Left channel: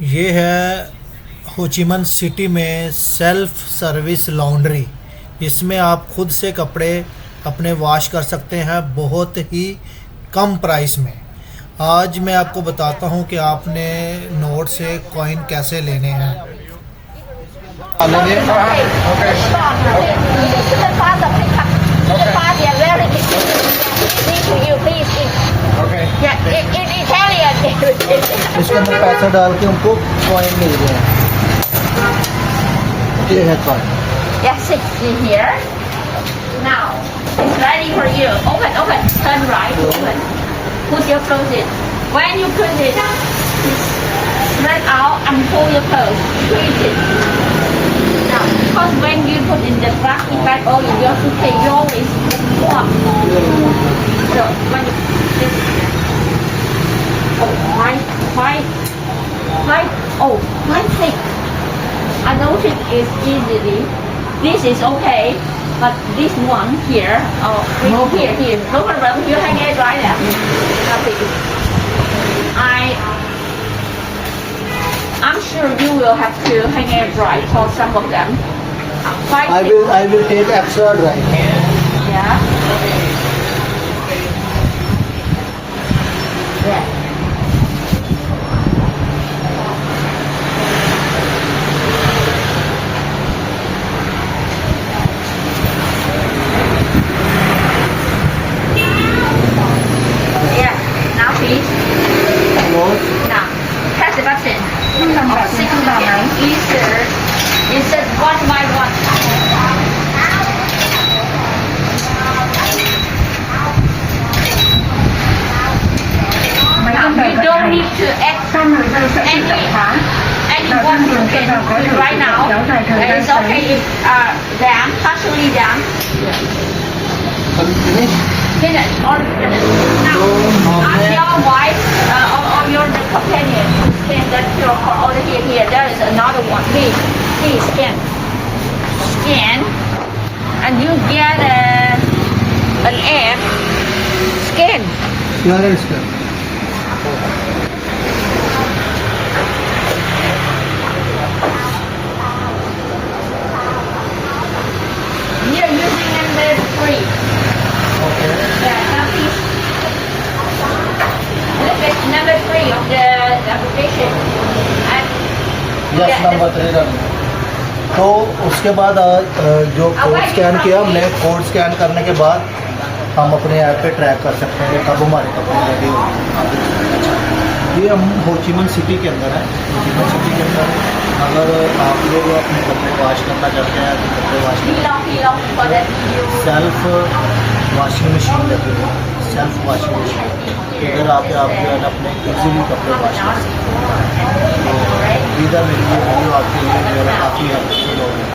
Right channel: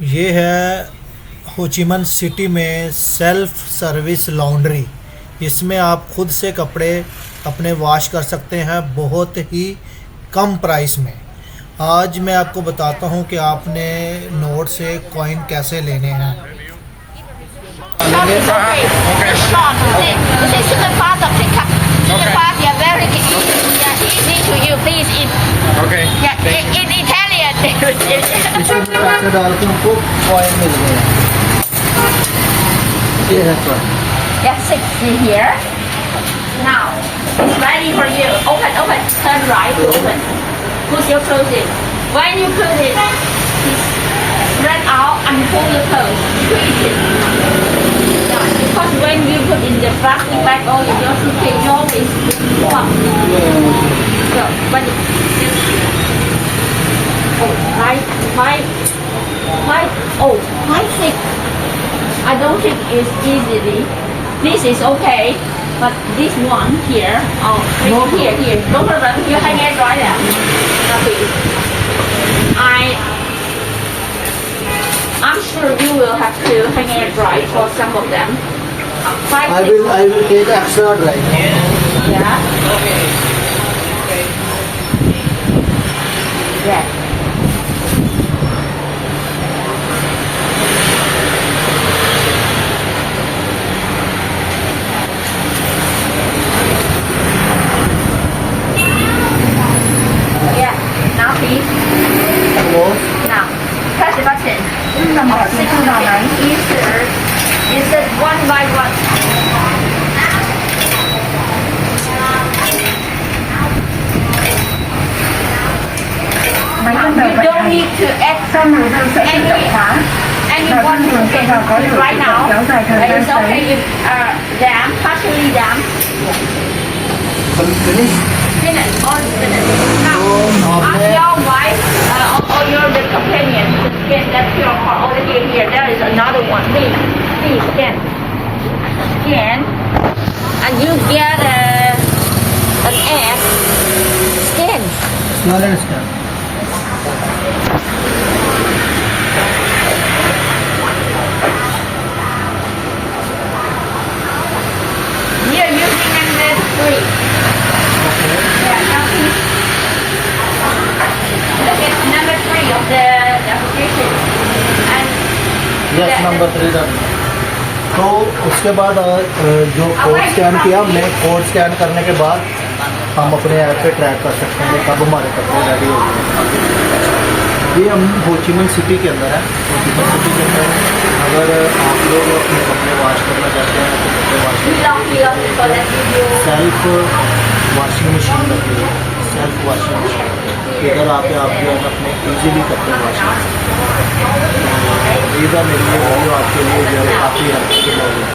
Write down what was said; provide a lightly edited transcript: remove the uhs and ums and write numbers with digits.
ये है हो ची minh सिटी में सेल्फ सर्विस लॉन्ड्री। इसमें आप खुद से कपड़े अपने वॉश कर सकते हैं बहुत ही कम प्राइस में। आज मैं आपको बताता हूं कि आपने नोट से कॉइन कैसे लेने हैं। इसके अंदर पैसा डाल के हमको कॉइन मिल गए। ये है coin. Get 60 here. Now, it's ready for you. Open. Turn right. Open. Put your clothes in. When you put it, spread out and pull your clothes. Squeeze it. Now, because when you put in the plastic bag or in your suitcase, you always walk. So, when quite thick. I don't think it's easily. This is okay, but this one here, here. Don't problem, you hang it right now. I'm sure you will have to hang it dry for some of them. I will take extra dry. Yeah. Yeah. Now, press the button. Insert one by one. Now, you don't need to add anyone to it right now. It's okay if damp, partially damp. Finish. Now, ask your wife or your the companion to scan that QR code over here. There is another one. Please scan. Scan. And you get an ad. Scan. We are using number 3. Yeah, now please. Look at number 3 of the application. And Yes, number 3 तो उसके बाद जो code scan किया हमने, code scan करने के बाद हम अपने ऐप पे ट्रैक कर सकते हैं कब हमारे कपड़े रेडी हो गए। ये हम हो ची minh सिटी के अंदर है। हो ची minh सिटी के अंदर अगर आप लोग अपने कपड़े वॉश करना चाहते हैं तो कपड़े वॉश सेल्फ वॉशिंग मशीन रखी हुई है। सेल्फ वॉशिंग मशीन इधर आके आप जो है अपने इजीली कपड़े वॉश कर सकते हैं। इधर मेरी वीडियो आपके लिए जो है काफ़ी हेल्पफुल होगी।